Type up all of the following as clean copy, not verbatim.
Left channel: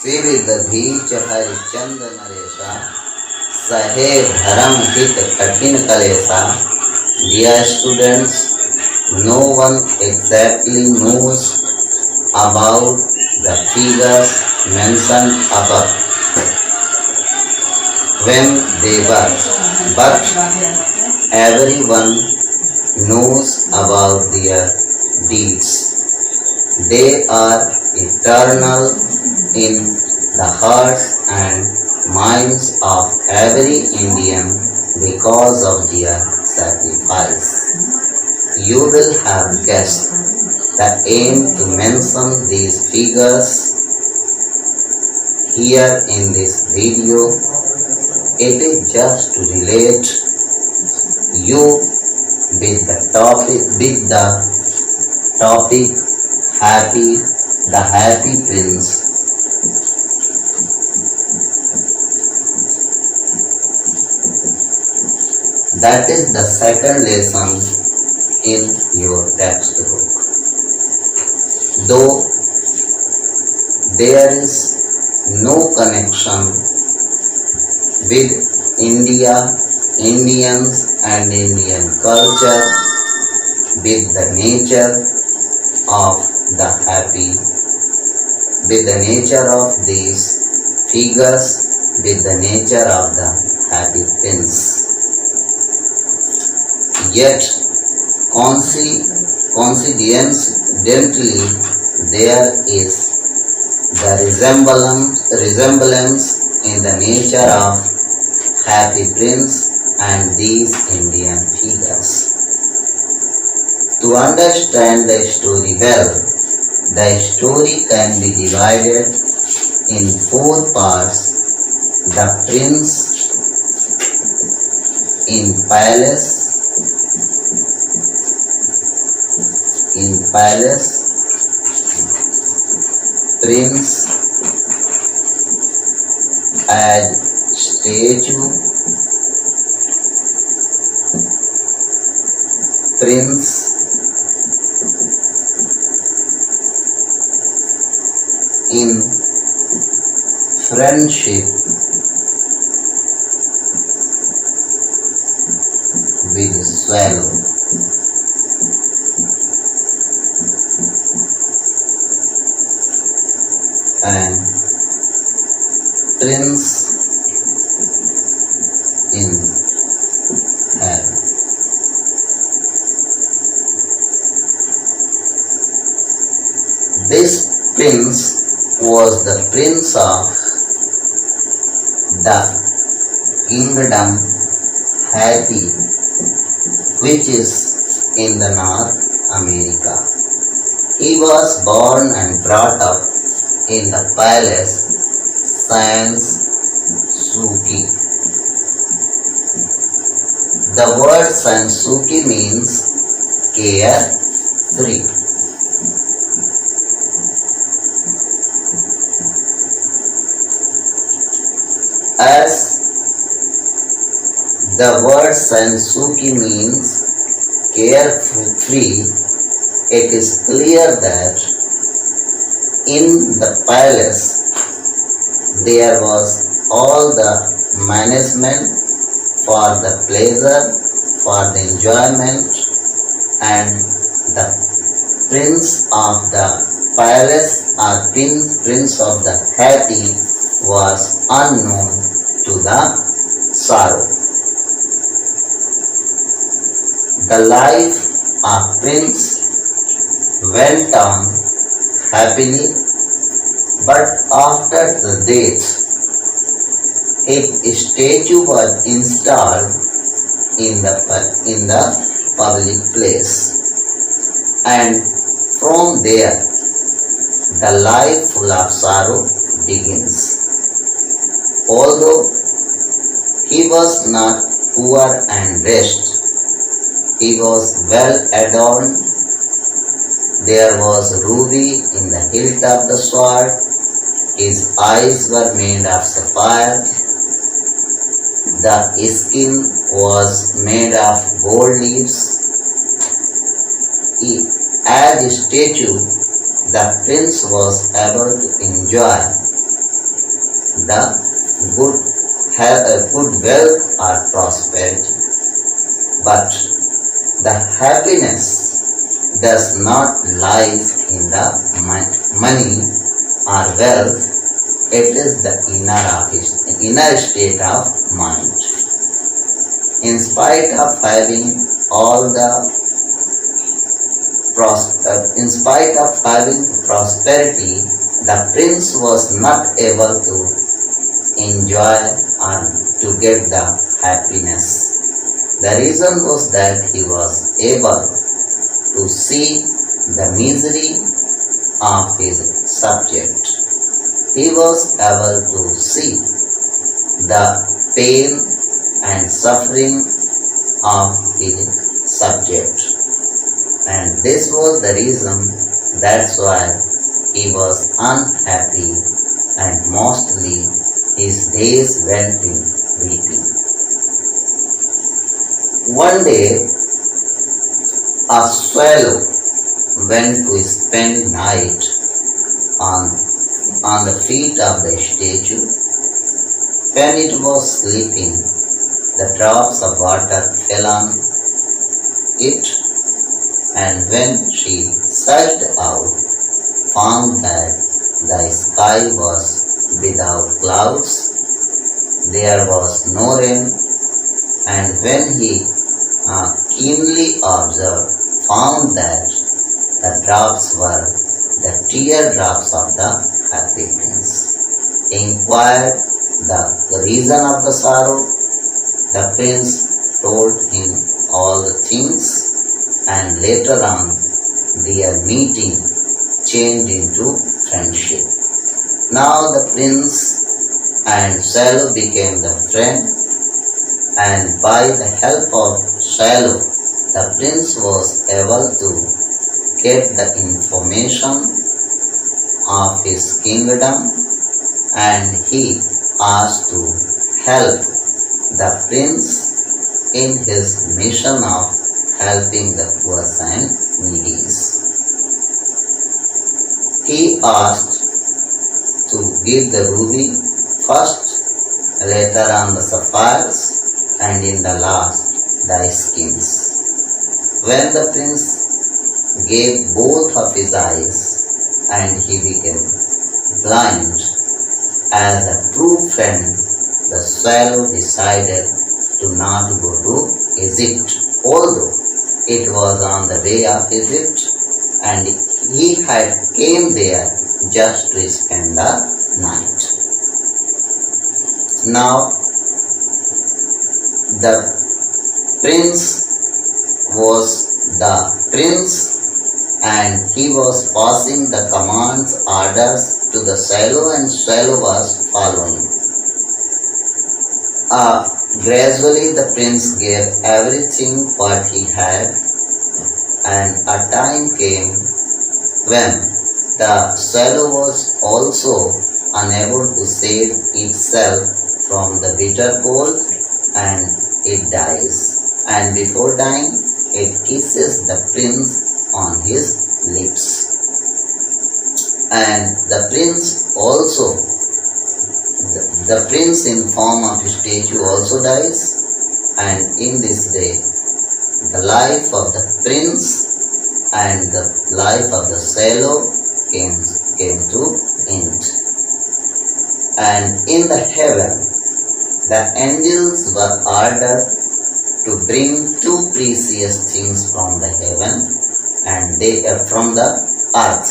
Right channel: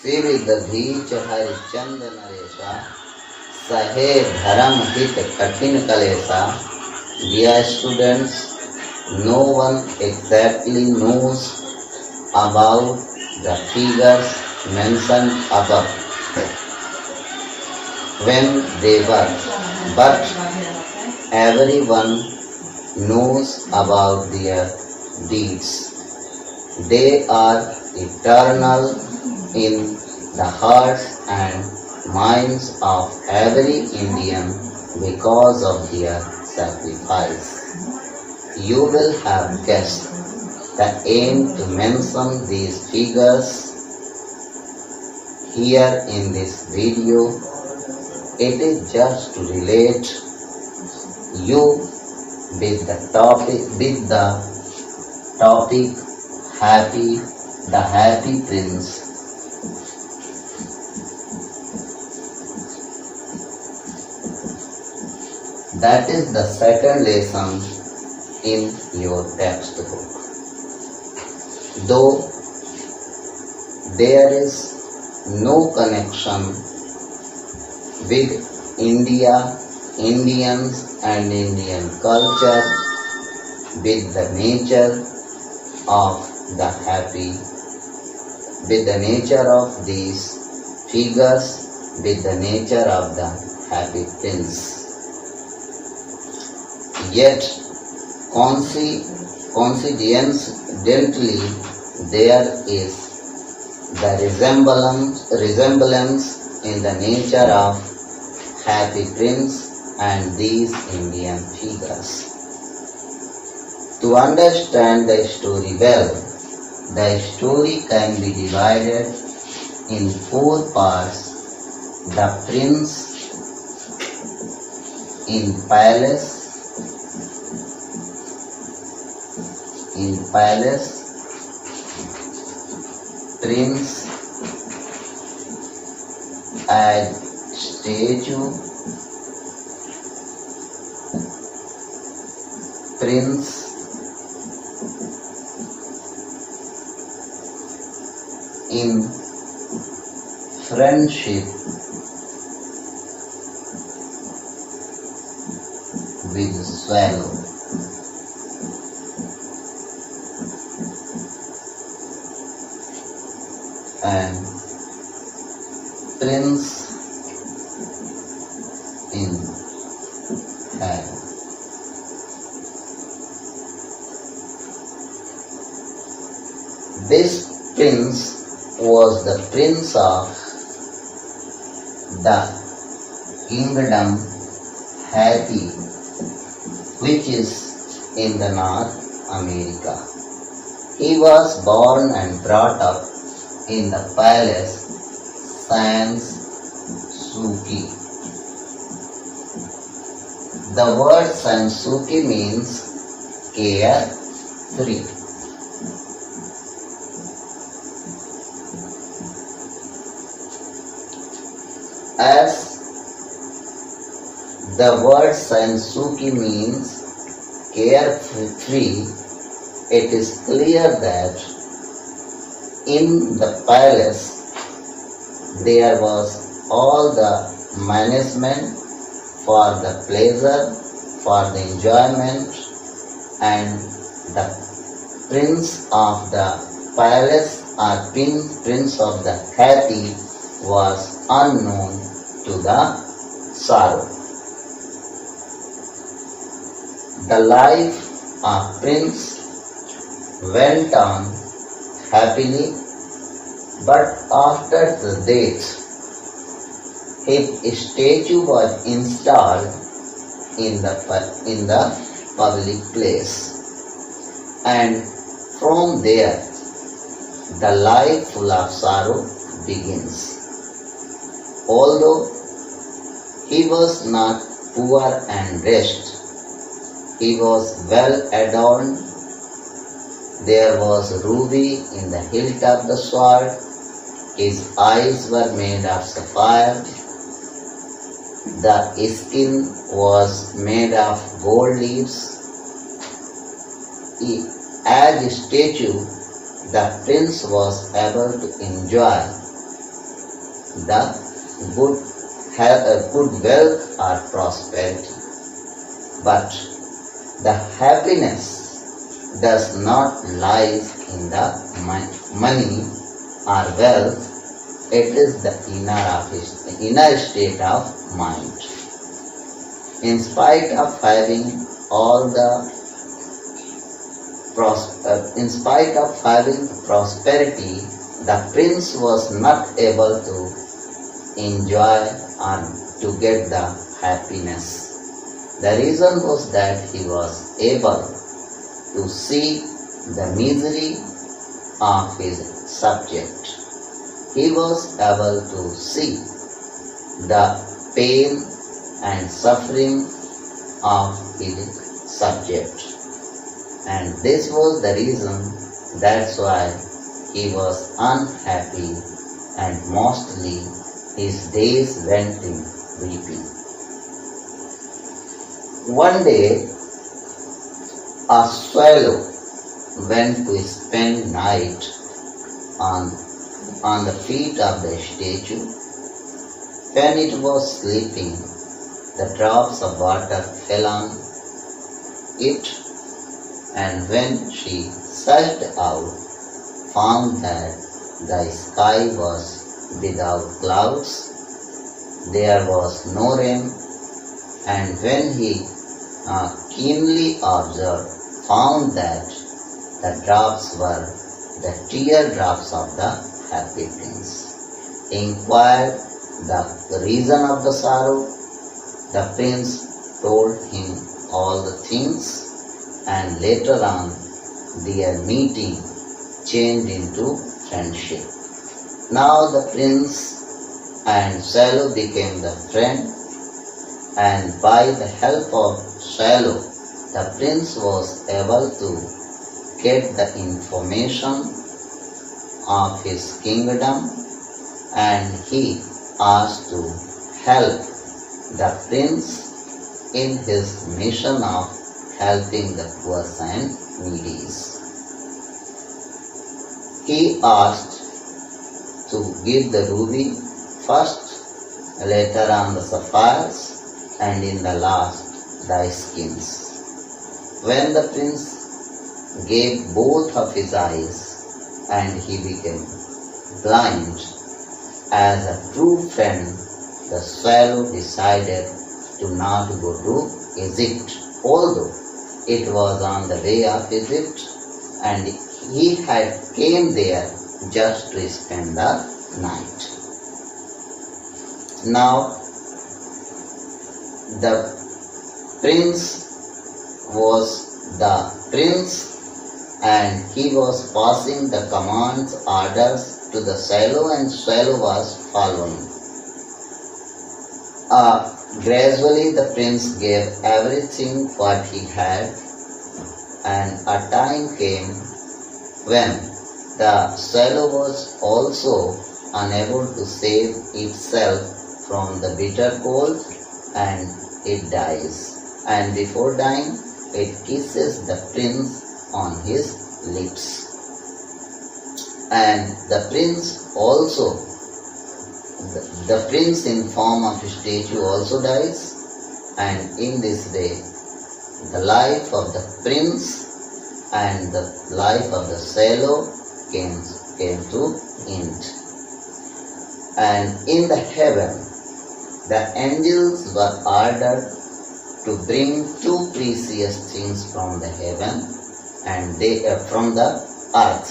सिरिदधि हरिचंद नरेशा सहे धर्म हित कठिन कलेसा. Dear students, no one exactly knows about the figures mentioned above when they were, but everyone knows about their deeds. They are eternal in the hearts and minds of every Indian because of their sacrifice. You will have guessed the aim to mention these figures here in this video. It is just to relate you with the topic the happy prince. That is the second lesson in your textbook. Though there is no connection with India, Indians and Indian culture with the nature of these figures, with the nature of the happy prince. Yet, coincidentally, there is the resemblance in the nature of happy prince and these Indian figures. To understand the story well, the story can be divided in 4 parts. The prince in palace, prince as statue, prince in friendship with swallow, and prince in heaven. This prince was the prince of the kingdom Happy, which is in the North America. He was born and brought up in the palace Sansuki. The word Sansuki means carefree. As the word Sansuki means carefree, it is clear that in the palace there was all the management for the pleasure, for the enjoyment, and the prince of the palace or prince of the happy was unknown to the sorrow. The life of prince went on happily, but after the death, his statue was installed in the public place, and from there the life full of sorrow begins. Although he was not poor and rich, he was well adorned. There was ruby in the hilt of the sword. His eyes were made of sapphire. The skin was made of gold leaves. As a statue, the prince was able to enjoy the good, good wealth or prosperity. But the happiness does not lie in the money or wealth. It is the inner state of mind. In spite of having all the in spite of having prosperity, the prince was not able to enjoy or to get the happiness. The reason was that he was able to see the misery of his subject. He was able to see the pain and suffering of his subject. And this was the reason, that's why he was unhappy and mostly his days went in weeping. One day, a swallow went to spend night on the feet of the statue. When it was sleeping, the drops of water fell on it, and when she searched out, found that the sky was without clouds, there was no rain, and when he keenly observed, found that the drops were the teardrops of the happy prince. Inquired the reason of the sorrow. The prince told him all the things, and later on their meeting changed into friendship. Now the prince and swallow became the friend, and by the help of swallow, the prince was able to get the information of his kingdom, and he asked to help the prince in his mission of helping the poor and needy. He asked to give the ruby first, later on the sapphires, and in the last the skins. When the prince gave both of his eyes and he became blind, as a true friend, the swallow decided to not go to Egypt, although it was on the way of Egypt, and he had came there just to spend the night. Now, the prince was the prince, and he was passing the commands, orders to the swallow, and swallow was following. Gradually the prince gave everything what he had, and a time came when the swallow was also unable to save itself from the bitter cold, and it dies. And before dying, it kisses the prince on his lips. And the prince also, the prince in form of a statue also dies, and in this way the life of the prince and the life of the swallow came to end. And in the heaven, the angels were ordered to bring two precious things from the heaven, and they are from the earth,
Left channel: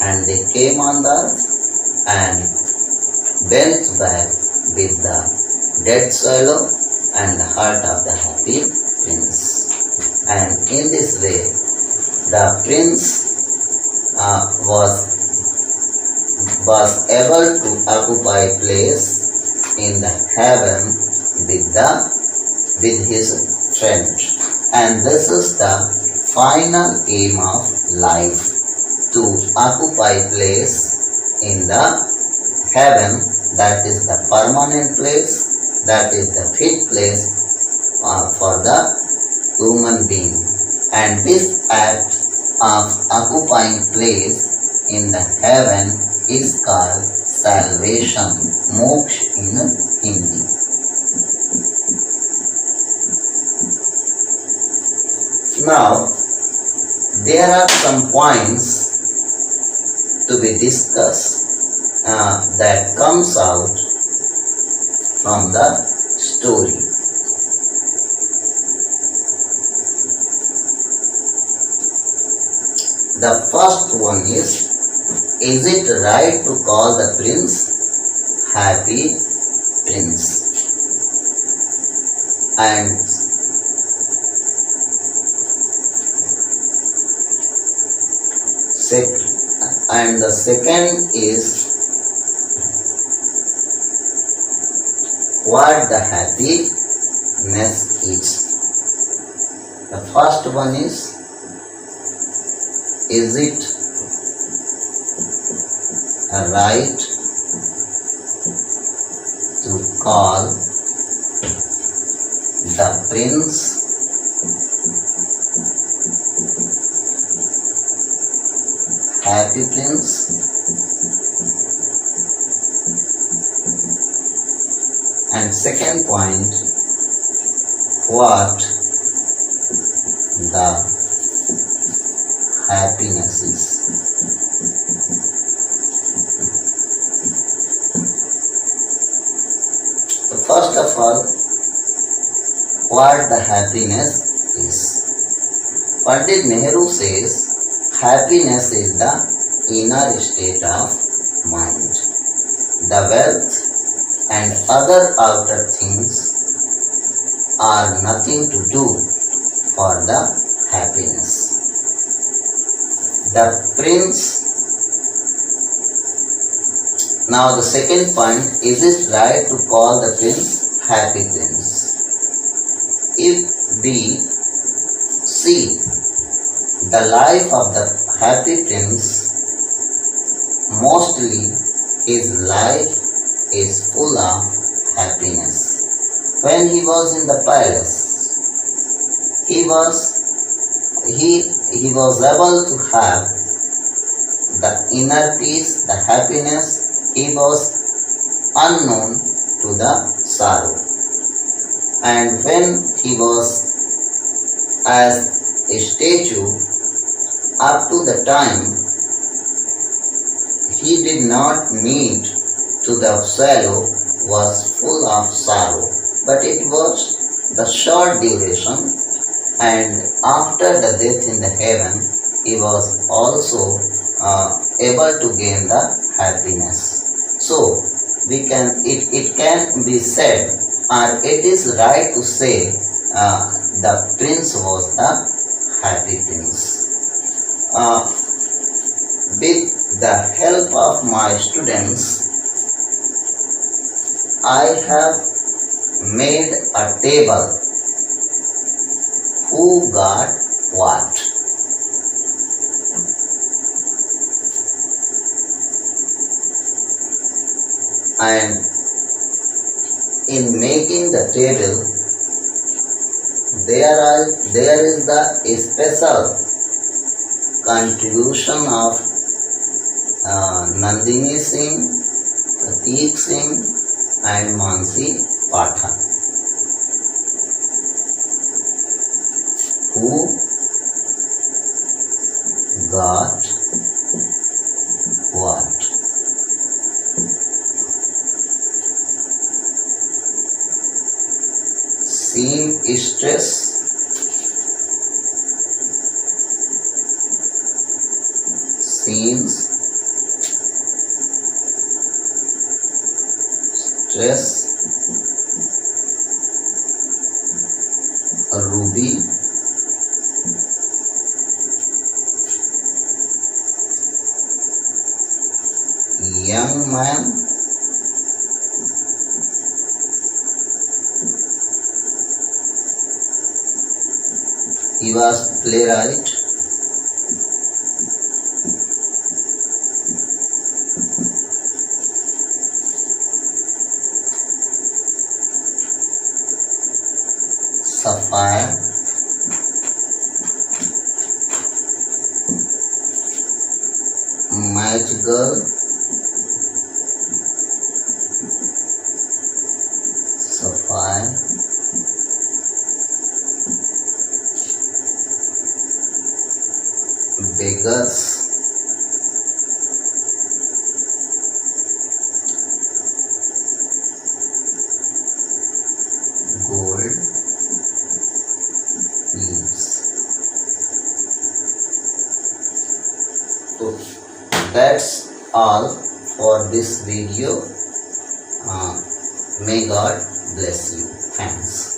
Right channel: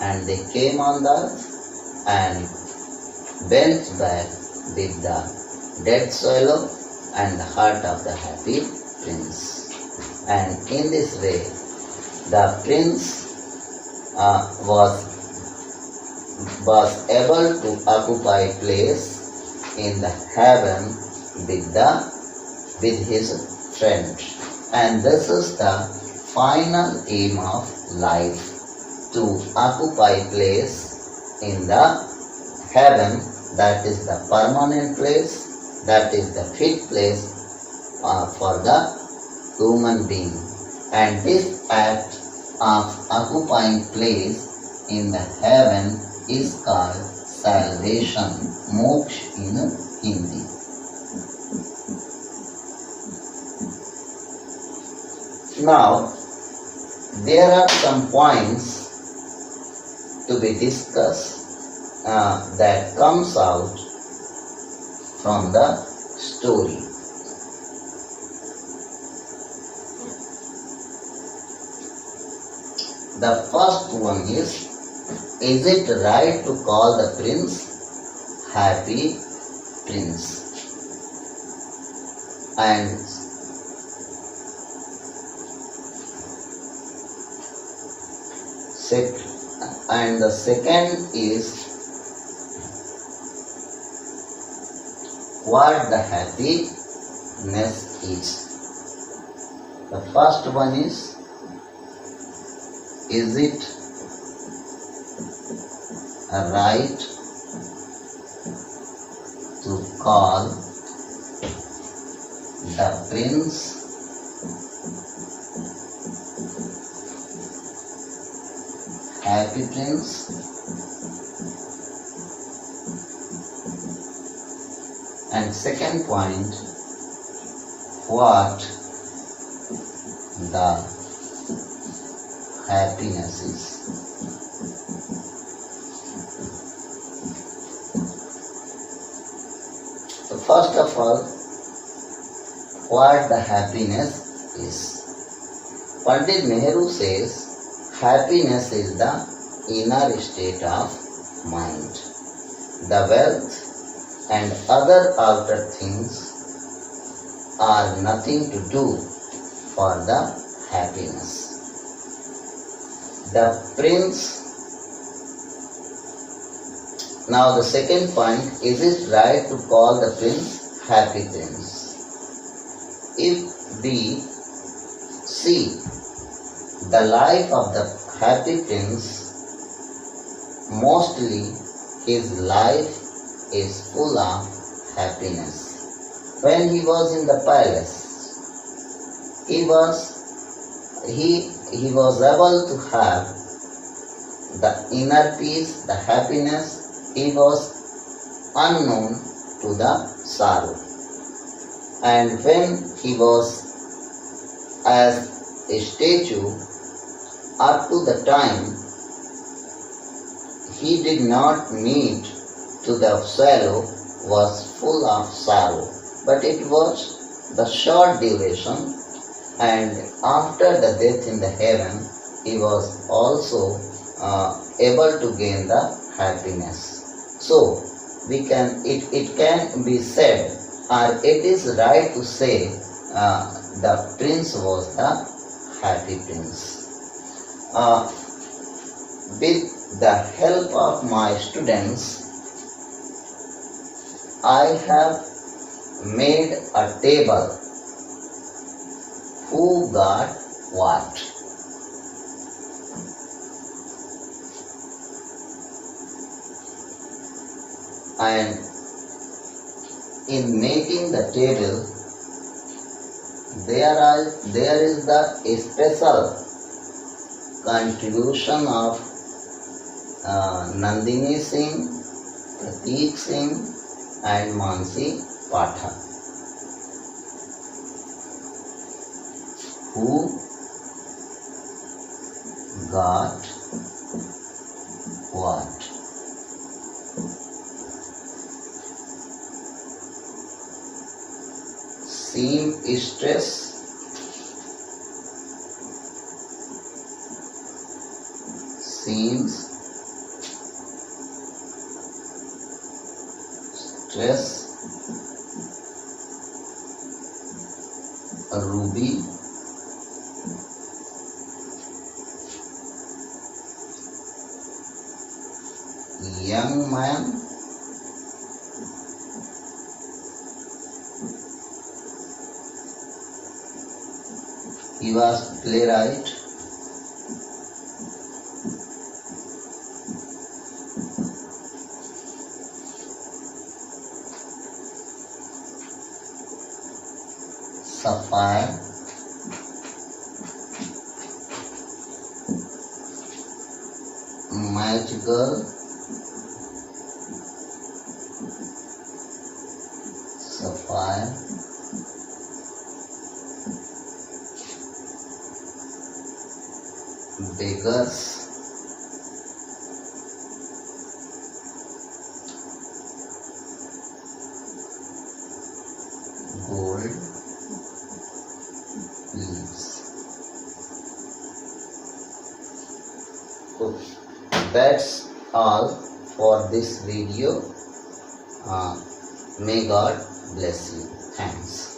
and they came on the earth and went back with the dead swallow and the heart of the happy prince. And in this way, the prince was able to occupy place in the heaven with his friend. And this is the final aim of life, to occupy place in the heaven, that is the permanent place, that is the fit place for the human being. And this act of occupying place in the heaven is called salvation, moksha. in Hindi. Now, there are some points to be discussed that comes out from the story. The first one is it right to call the prince Happy Prince? And the second is what the happiness is. The first one is it right to call the prince Happy Prince? And second point, what the happiness is. So first of all, what the happiness is. Pandit Nehru says happiness is the inner state of mind. The wealth and other outer things are nothing to do for the happiness. The prince. Now the second point, is it right to call the prince Happy Prince? If we see the life of the Happy Prince, mostly his life is full of happiness. When he was in the palace, he was able to have the inner peace, the happiness. He was unknown to the sorrow. And when he was as a statue, up to the time he did not meet to the sorrow was full of sorrow. But it was the short duration, and after the death in the heaven, he was also able to gain the happiness. So it can be said, and it is right to say, the prince was the Happy Prince. With the help of my students, I have made a table. Who got what? And in making the table, there is the special contribution of Nandini Singh, Prateek Singh and Mansi Pathak. Who got what? Seamstress, stress, Ruby, young man, he was playwright. Sapphire, match girl, beggars, gold leaves. So that's all for this video. May God bless you. Thanks.